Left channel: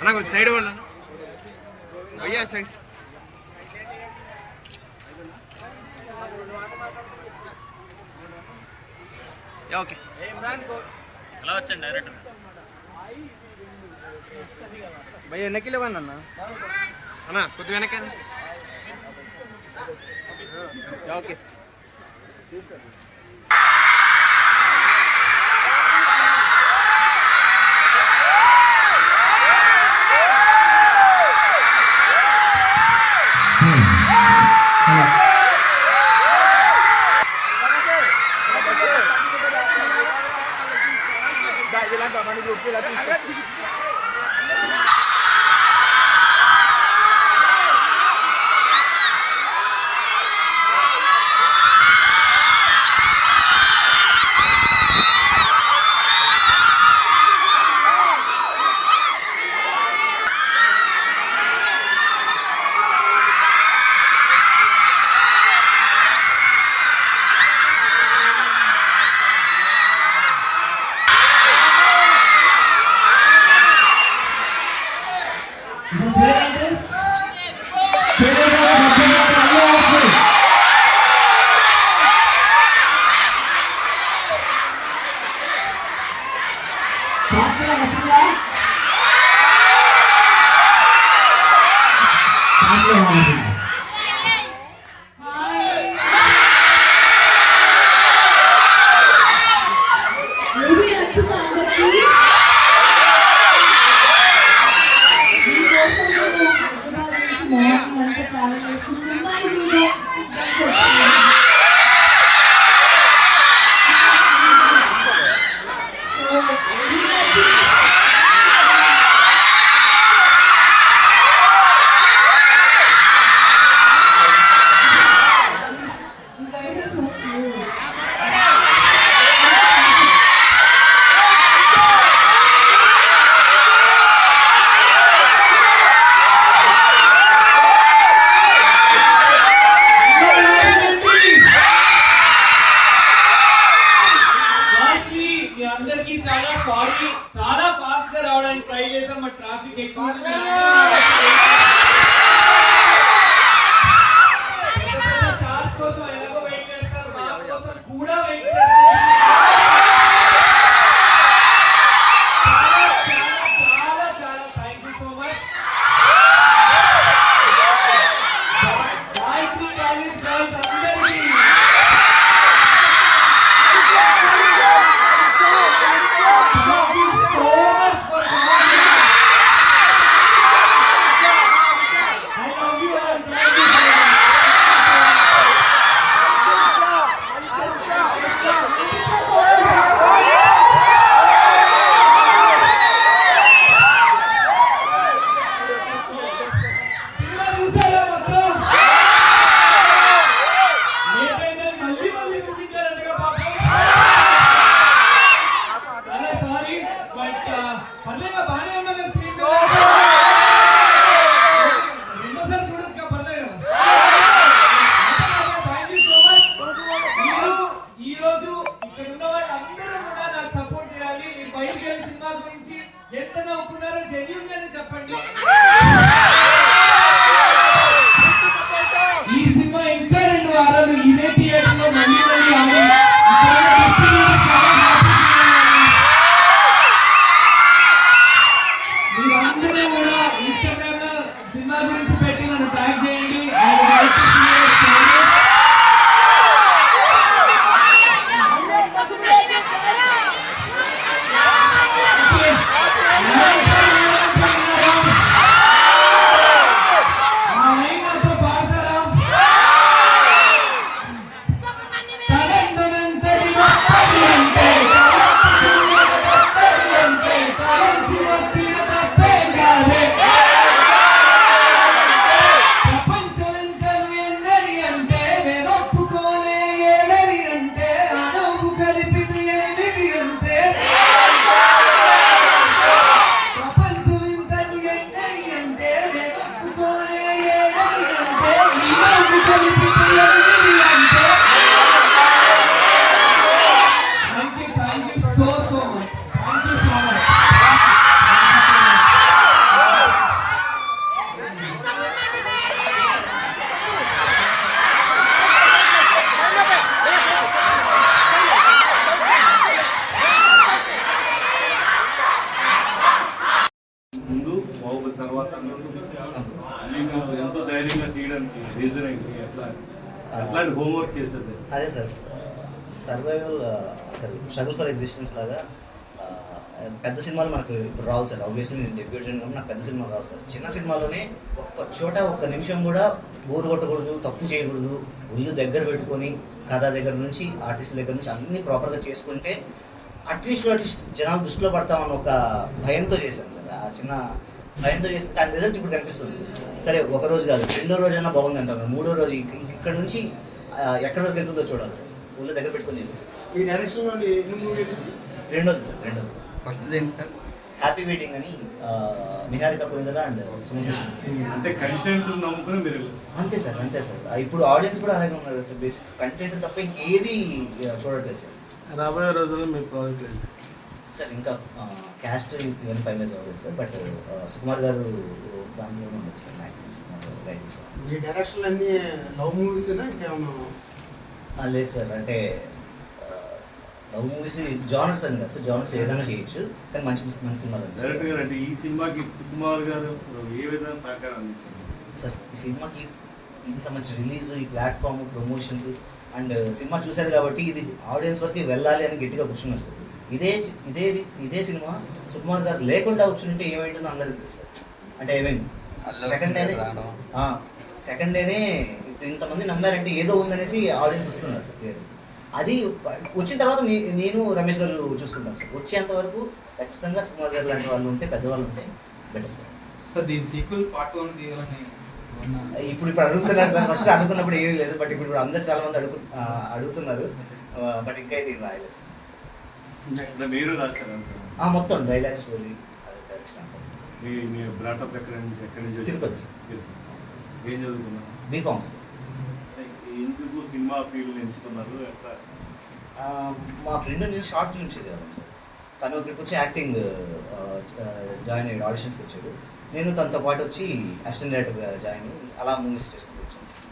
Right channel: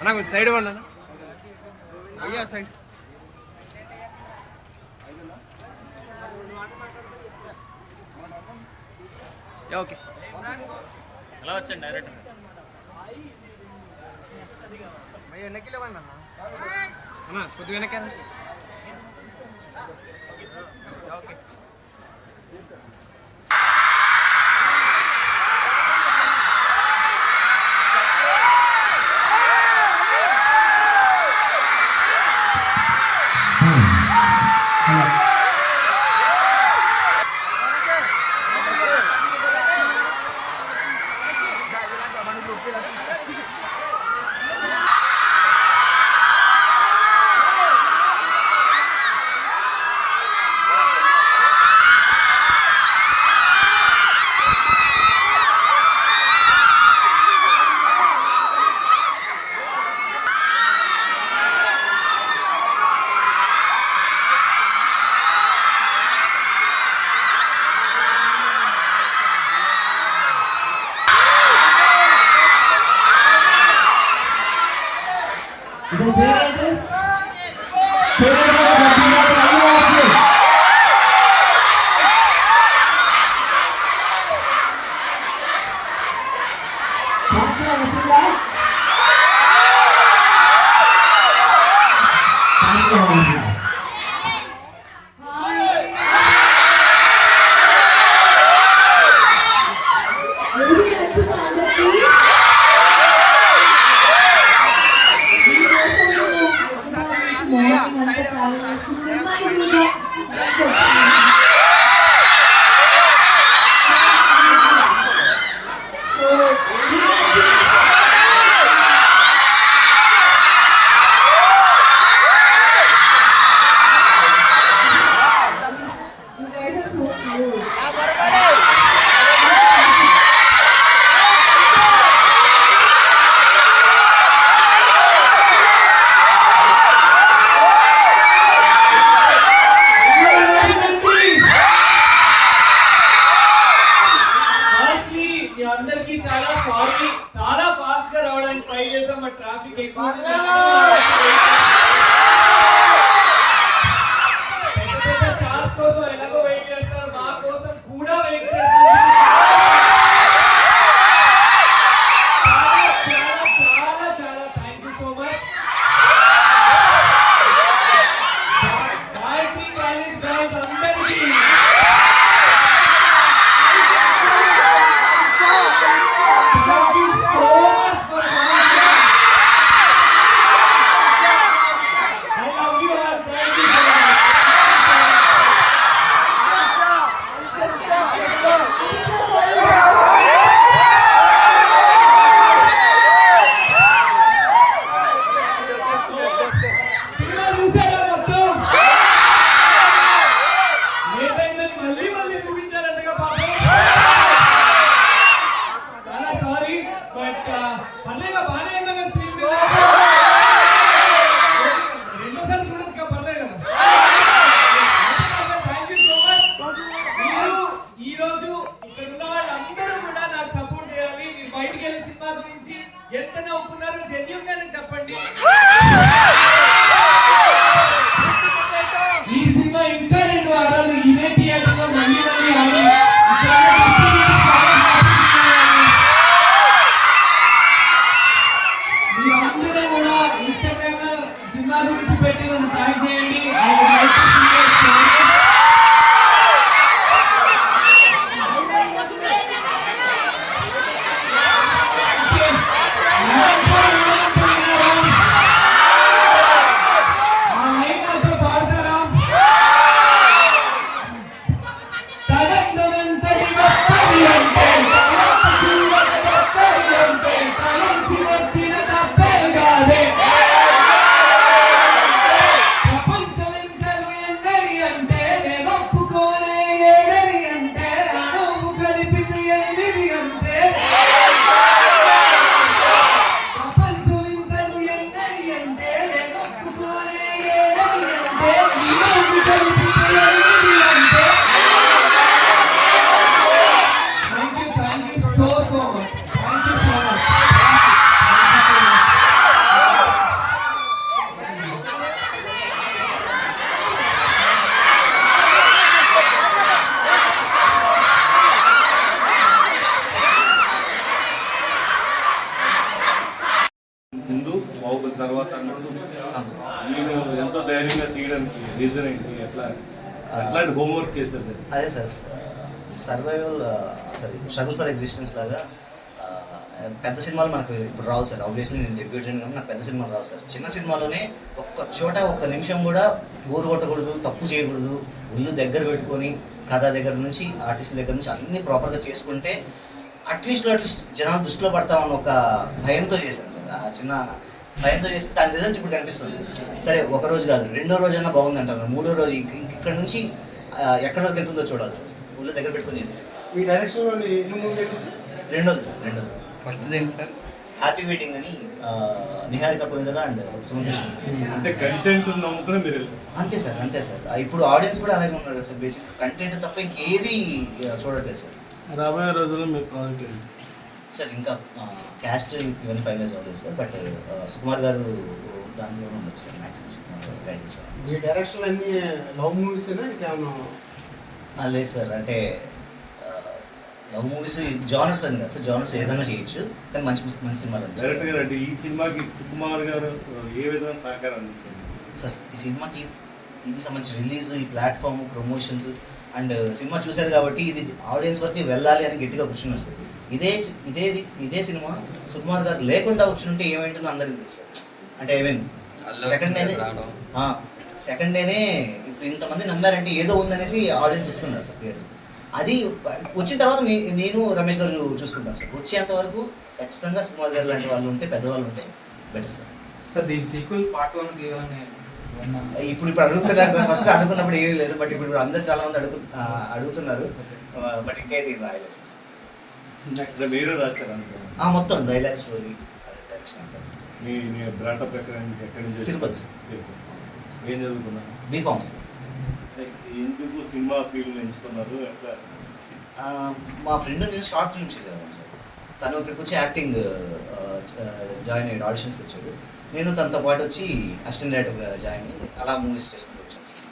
అన్నా కొంచెం సైడ్ ఇవ్వండి అన్న భయ్యా సైడ్ ఓకే ఎలా వచ్చాను డైరెక్టర్ భయ్య వెనక్కి లేవండి అన్న అన్నా కొద్దిగా వెనక్కి ఓకే చాలా ఫాస్ట్ గా రావడానికి ట్రై చేసాం బట్ ట్రాఫిక్ ఎక్కువ కోసం ఎలాగో వెయిట్ చేస్తారు మా కోసం కూడా వెయిట్ చేస్తారు చాలా thank you so much Gayatri college girls అందరికీ సినిమా గురించి ఎంత నవ్వుకున్నారో జెన్యూన్ గానే చెప్పండి. ఈ సినిమా ఇంకా 2 వారాలు ఇదే థియేటర్ లో మళ్ళీ మీరందరూ కూడా ఇన్స్టాగ్రామ్ లో సినిమా గురించి పెట్టి నన్ను ట్యాగ్ చేయండి. రీజన్ ఏంటి, ఎట్లాంటి హోంవర్క్ చేస్తుంది? అదే sir, survival struggle for existence లాగా పెద్ద సినిమాలు మనకు ఇప్పుడు రావు సార్. ఆబ్వియస్లీ నేను డెబ్యూట్ అయినా నాకు పెద్ద సినిమాలు రావు సార్. చిన్న సినిమాలోనే ఒక్క చోట ఒక్క నిమిషం కూడా బోరు కొట్టకూడదు, తప్పు చేయకూడదు, ఒళ్ళు దగ్గర పెట్టుకొని కథ దగ్గర నుంచి ఆర్టిస్ట్ దగ్గర నుంచి అన్నీ ప్రాపర్గా చేసుకుంటే అట్లీస్ట్ జనాలు దృష్టిలో పడతామని ఒక భయంతో చేశాను సార్. ఆ చిన్న భయంతో చేస్తే దాని రిజల్ట్ ఇప్పుడు కనిపిస్తుంది సార్. సరే ఒక రోజు కాదు, రెండో రోజైనా బాగుంది అంటారు, మూడో రోజు ఇక్కడ నుంచి ఎక్కడి వరకు వెళ్తుందో చూడాలి సార్. ఒళ్ళు దగ్గర పెట్టుకొని చేసేది సార్. ఈ డైరెక్షన్ వాళ్ళు ఎన్ని మూవీ రెండోది సార్. ఫస్ట్ దేని సార్? హ్యాపీ వెయిటింగ్ అని నిహారిక పోయిందరా అండ్ సుమేష్. అంటే కంటెంట్ నమ్ముకుని మీరు అంతే సార్. ఇప్పుడు ఆడియన్స్ కూడా అలాగే ఉన్నారు కదా సార్. బేసిక్ కంటెంట్ తప్ప ఇంకేది చూడట్లేదు సార్. రాబోయే రోజుల్లో మీ ప్రాజెక్ట్ ఏంటి సార్? ఇంకా క్యాస్ట్ ఇవన్నీ ఫైనలైజ్ అవ్వలేదు సార్, బట్ సుకుమార్ గారు దానిలోనే ఉండదు సార్. మ్యాక్సిమం సుకుమార్ గారు గైడెన్స్. మీ డైరెక్షన్ అన్ని లవ్ మూవీసేనా ఇంకేమన్నా? లేదు సార్, అంటే లవ్ మూవీస్ జానర్స్ అని కదా సార్. జానర్స్ ఏదైనా చేయొచ్చు, కానీ మంచి సినిమాలు డైరెక్టర్ గారు అంటే ఈ సినిమాకి సుకుమార్ గారు ఏ విధంగా సహకారం అందించారు సార్? ఈ సినిమాకి ఇంత మంచి రిలీజ్, ఈ ప్లాట్ఫామ్, ప్రమోషన్స్ అండ్ సినిమా చూశారు కాబట్టి ఇది ఆడియన్స్ వరకు వెళ్ళాలి అని గట్టిగా కూర్చున్నారు సార్. ఇదే సినిమా సుకుమార్ గారు లేకుండా కూర్చుంటే ఏమైంటుందో అందరికీ తెలుసు సార్. అంటే ఐ మీన్ సెకండ్ డేనే ఇప్పుడు ఇంతమంది నమ్మారంటే ఏదో ఉందనేసి ఆడియన్స్ వస్తున్నారు సార్ థియేటర్. అది వచ్చిన తర్వాత నేను రమేష్ గారు చూసుకుంటాం సార్. వచ్చేంత వరకు ఖచ్చితంగా సుకుమార్ గారు లాంటి వాళ్ళు ఉంటే, పెద్దవాళ్ళు ఉంటే బెటర్ సార్. సార్ దీని సీక్వెల్ పార్ట్ 1 తీయాలని ఇప్పుడు అడుగుతున్నారు సార్. ఫస్ట్ అనుకున్నప్పుడు ఏమీ లేదు, బట్ ఇప్పుడు అందరు చాలా మంది అడుగుతున్నారు, బట్ ఇంకా అయితే రాయలేదు సార్. మీరు రాశారు మొత్తం డైలాగ్ స్టోరీ మీ బ్రాటప్ ఎక్కడి నుంచి? తిరుపతి సార్. ఏం చదువుకున్నా? B Pharm sir. ఎందుకు సినిమా ఫీల్డ్ ఎంచుకున్నారు? ఎట్లా? మా ఫ్రెండ్ నేను షార్ట్ ఫిల్మ్స్ చేసేవాళ్ళం సార్. తను ఇక్కడికి వచ్చి యాక్టింగ్ జాయిన్ అయ్యాడు, ఆడిషన్స్కి వచ్చాడు. నేను తనతో పాటు వచ్చి అసిస్టెంట్ డైరెక్టర్గా జాయిన్ అయ్యి అలా మూవీస్ చేసుకుంటూ వచ్చాను sir.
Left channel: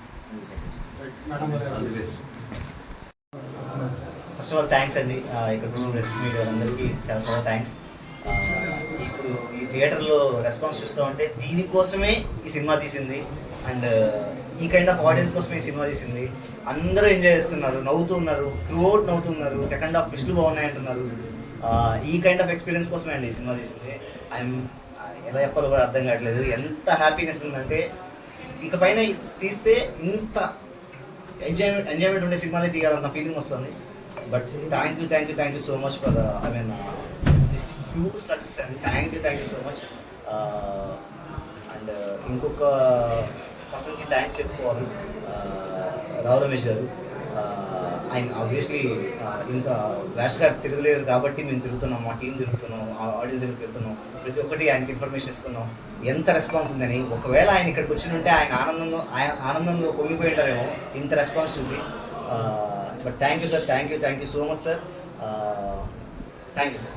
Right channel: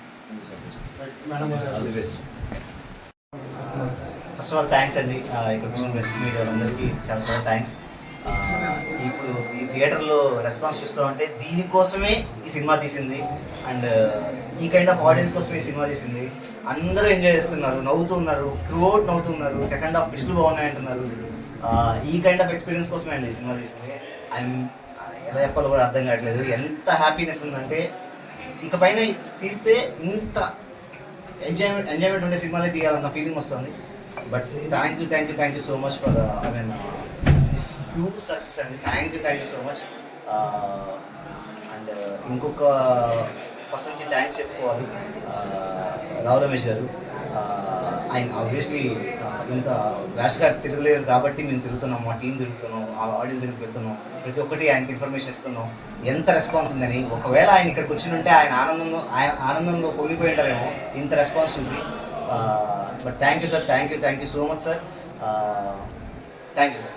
First of all thanks అండి, ఇక్కడ వచ్చిన ప్రెస్ మీడియా వాళ్ళందరికీ చాలా థ్యాంక్స్. ఇప్పుడు ఈ థియేటర్లో రెస్పాన్స్ చూస్తామంటే దీనికోసమే ఈ సినిమా తీసింది, అండ్ ఈ కైండ్ ఆఫ్ ఆడియన్స్ కోసమే ఈ సినిమా తీసింది. అందరూ ఎంజాయ్ చేస్తున్నారు, నవ్వుతున్నారు, త్రూఅవుట్ నవ్వుతున్నారు, సెకండ్ హాఫ్ ట్విస్టులు బాగున్నాయి అంటున్నారు. ఈ కైండ్ ఆఫ్ ఎక్స్పీరియన్స్ కోసమే అండి ఈ సినిమా తీసింది. ఐఎమ్ ఎలా చెప్పాలో కూడా అర్థం కావట్లేదు. ఎంత హ్యాపీనెస్ ఉందంటే ఇకపైన తీస్తే ఇంత ఎంజాయ్మెంట్ ఉండే సినిమాలే తీయాలన్న ఫీలింగ్ వస్తుంది. But thank you so much for I mean this huge success అండి. Thank you so much. And ఇంకొక పర్సన్కి థ్యాంక్స్ చెప్పుకోవాలి, రావు రమేష్ గారు. ఆయన ఆబ్వియస్లీ ఇంత వ్యాస్ట్గా తిరగలేరు కాబట్టి మేము తిరుగుతున్నాం, మా టీం తిరుగుతున్నాం, ఆడియన్స్ దగ్గరికి వెళ్తున్నాం, ప్రతి ఒక్కటి ఆయనకి ఇన్ఫర్మేషన్ ఇస్తున్నాం. ఎంత రెస్పాన్స్ ఉందని. ఒకవేళ ఆయన ఇక్కడికి వచ్చి ఉంటే ఆయన ఆనందంలో పొంగిపోయి ఉంటారేమో ఇంత రెస్పాన్స్ చూసి. But thank you sir, thank you so much sir. Thank you sir.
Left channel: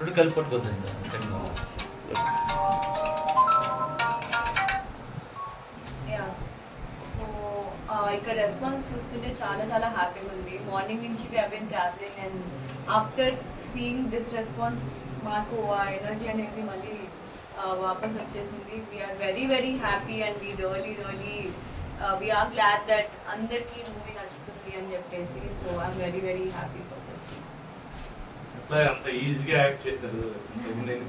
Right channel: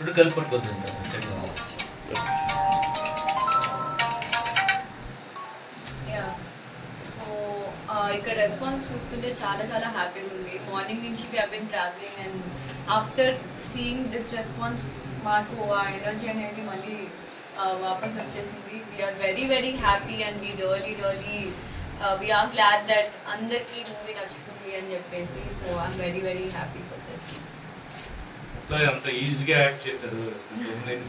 ఇప్పుడు కలుపుకుంటుంది. ఇక్కడ రెస్పాన్స్ చూస్తుంటే చాలా హ్యాపీగా ఉంది. మార్నింగ్ నుంచి we have been travelling and after seeing this response మాకు ఆ ఎనర్జీ అనేది మళ్ళీ వాపస్ వచ్చేసింది. We are very happy and we are glad that అందరికీ మూవీ నచ్చుతుంది అని చెప్పేసి. So I'm very happy for this. అంత ఈజీగా యాక్ట్ చేశారు,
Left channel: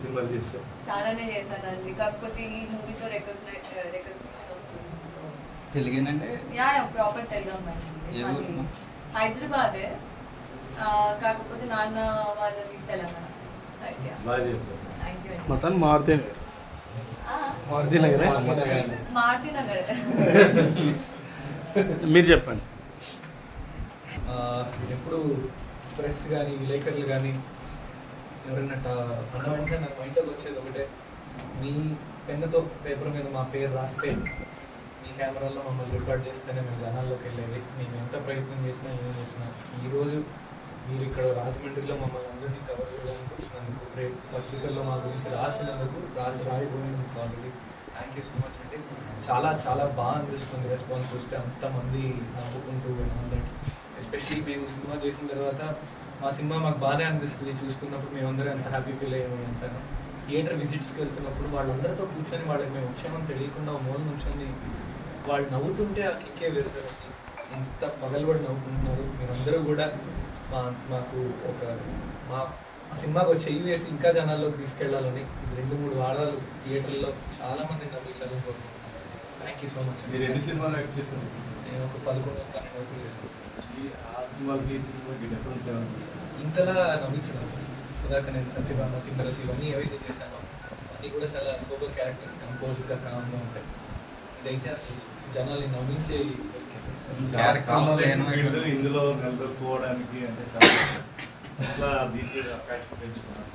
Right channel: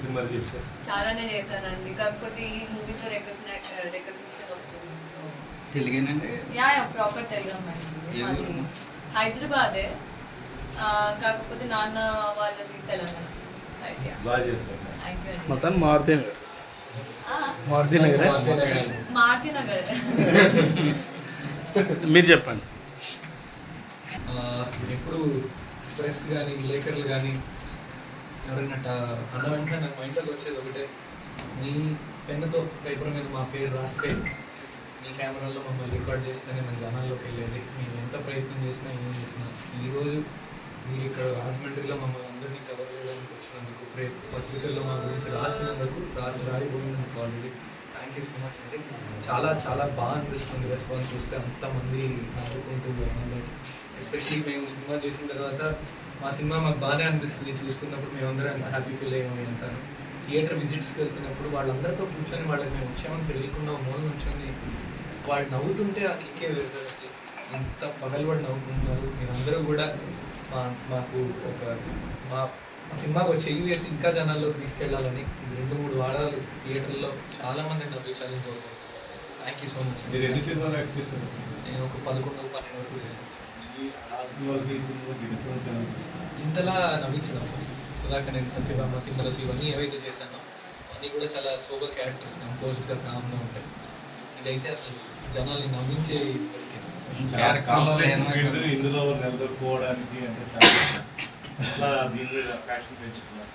సినిమా చేశారు, చాలానే చేశానండి. కాకపోతే ఈ మూవీతో రికగ్నిషన్ వస్తుంది. తెలుగేనండి? యా ప్రాపర్ తెలుగు అమ్మాయి. మాది హైదరాబాదే, కాకపోతే నాన్న వాళ్ళది తెలంగాణ సైడ్. బాగా చేశారు. థ్యాంక్ యూ అండి. మొత్తం మారుతి నగర్ మీరు చెప్పండి. ఎప్పుడు ప్రెస్ కానీ విలేకరులు కానీ ఎవరైనా అన్న వెంటనే నాకు మైండ్లోకి వచ్చేది ఒకటే, నీ పెన్నుతో పేపర్ మీద మా పేరు రాస్తే, నీ కెమెరాలో మమ్మల్ని రికార్డ్ చేస్తేనే మేము జనాల్లోకి వెళ్ళేది. మేము ఎంత ప్రయత్నం చేసినా ఏం చేసినా ఈరోజు మీరు ఇక్కడ రాజమండ్రిలో మమ్మల్ని అందరినీ కవర్ చేయడానికి వచ్చినందుకు, రేపు పత్రికల్లో మా గురించి రాయిపోయినందుకు already thank you so much అండి. చాలా బాగా అనిపిస్తుంది రెస్పాన్స్ చూస్తే, అంతమంది నవ్వుకుంటూ. ఎస్పెషలీ మేము సినిమా చేసిన తర్వాత మా సినిమా మాకు బాగానే అనిపిస్తుంది చూసుకున్నప్పుడు మేమందరం ఎంత హ్యాపీ ఫీల్ అయ్యాము అంటాను. థియేటర్ విజిట్స్కి వెళ్తున్నప్పుడు వాళ్ళందరితో కూర్చొని వాళ్ళకి మేము వచ్చామని తెలియకుండా మూల నుంచొని వాళ్ళు నవ్వుతుంటే ఆ కిక్కే వేరు సార్. అసలు ఎంత పగలబడి నవ్వుకుంటున్నారు మీరందరూ కూడా. మాకు మా సినిమాకు ఒక చెయ్యి వేసి ఇంకా జనాల్లోకి తీసుకెళ్లాలని 2-3 వారాలు థియేటర్లో చాలా మందిని నవ్వించాలని కోరుకుంటున్నాను. Thank you so much. మీరు ఎన్ని సినిమాలు యాక్ట్ చేస్తున్నారు? నేను ఒక 11-12 వరకు చేశాను. ఆ సినిమాలకి ఈ సినిమాకి డిఫరెన్స్ ఏమనిపిస్తుంది? ఇంతలా నవ్వించడం అసలు ఇందాక నేను సత్యభామ తిమ్మరసు ఇవన్నీ ఏవైతే చేశానో అన్నీ కూడా చాలా సూపర్ క్యారెక్టర్స్, కంపోజ్డ్గా కామ్గా ఉంటాయి. ఇదైతే అసలు జనాల్ని నవ్వించే ఇందులో నిలదొక్కుకోవడానికి అంటే చాలా దీని మీద ఫ్యాషన్ పెంచుకున్నారు.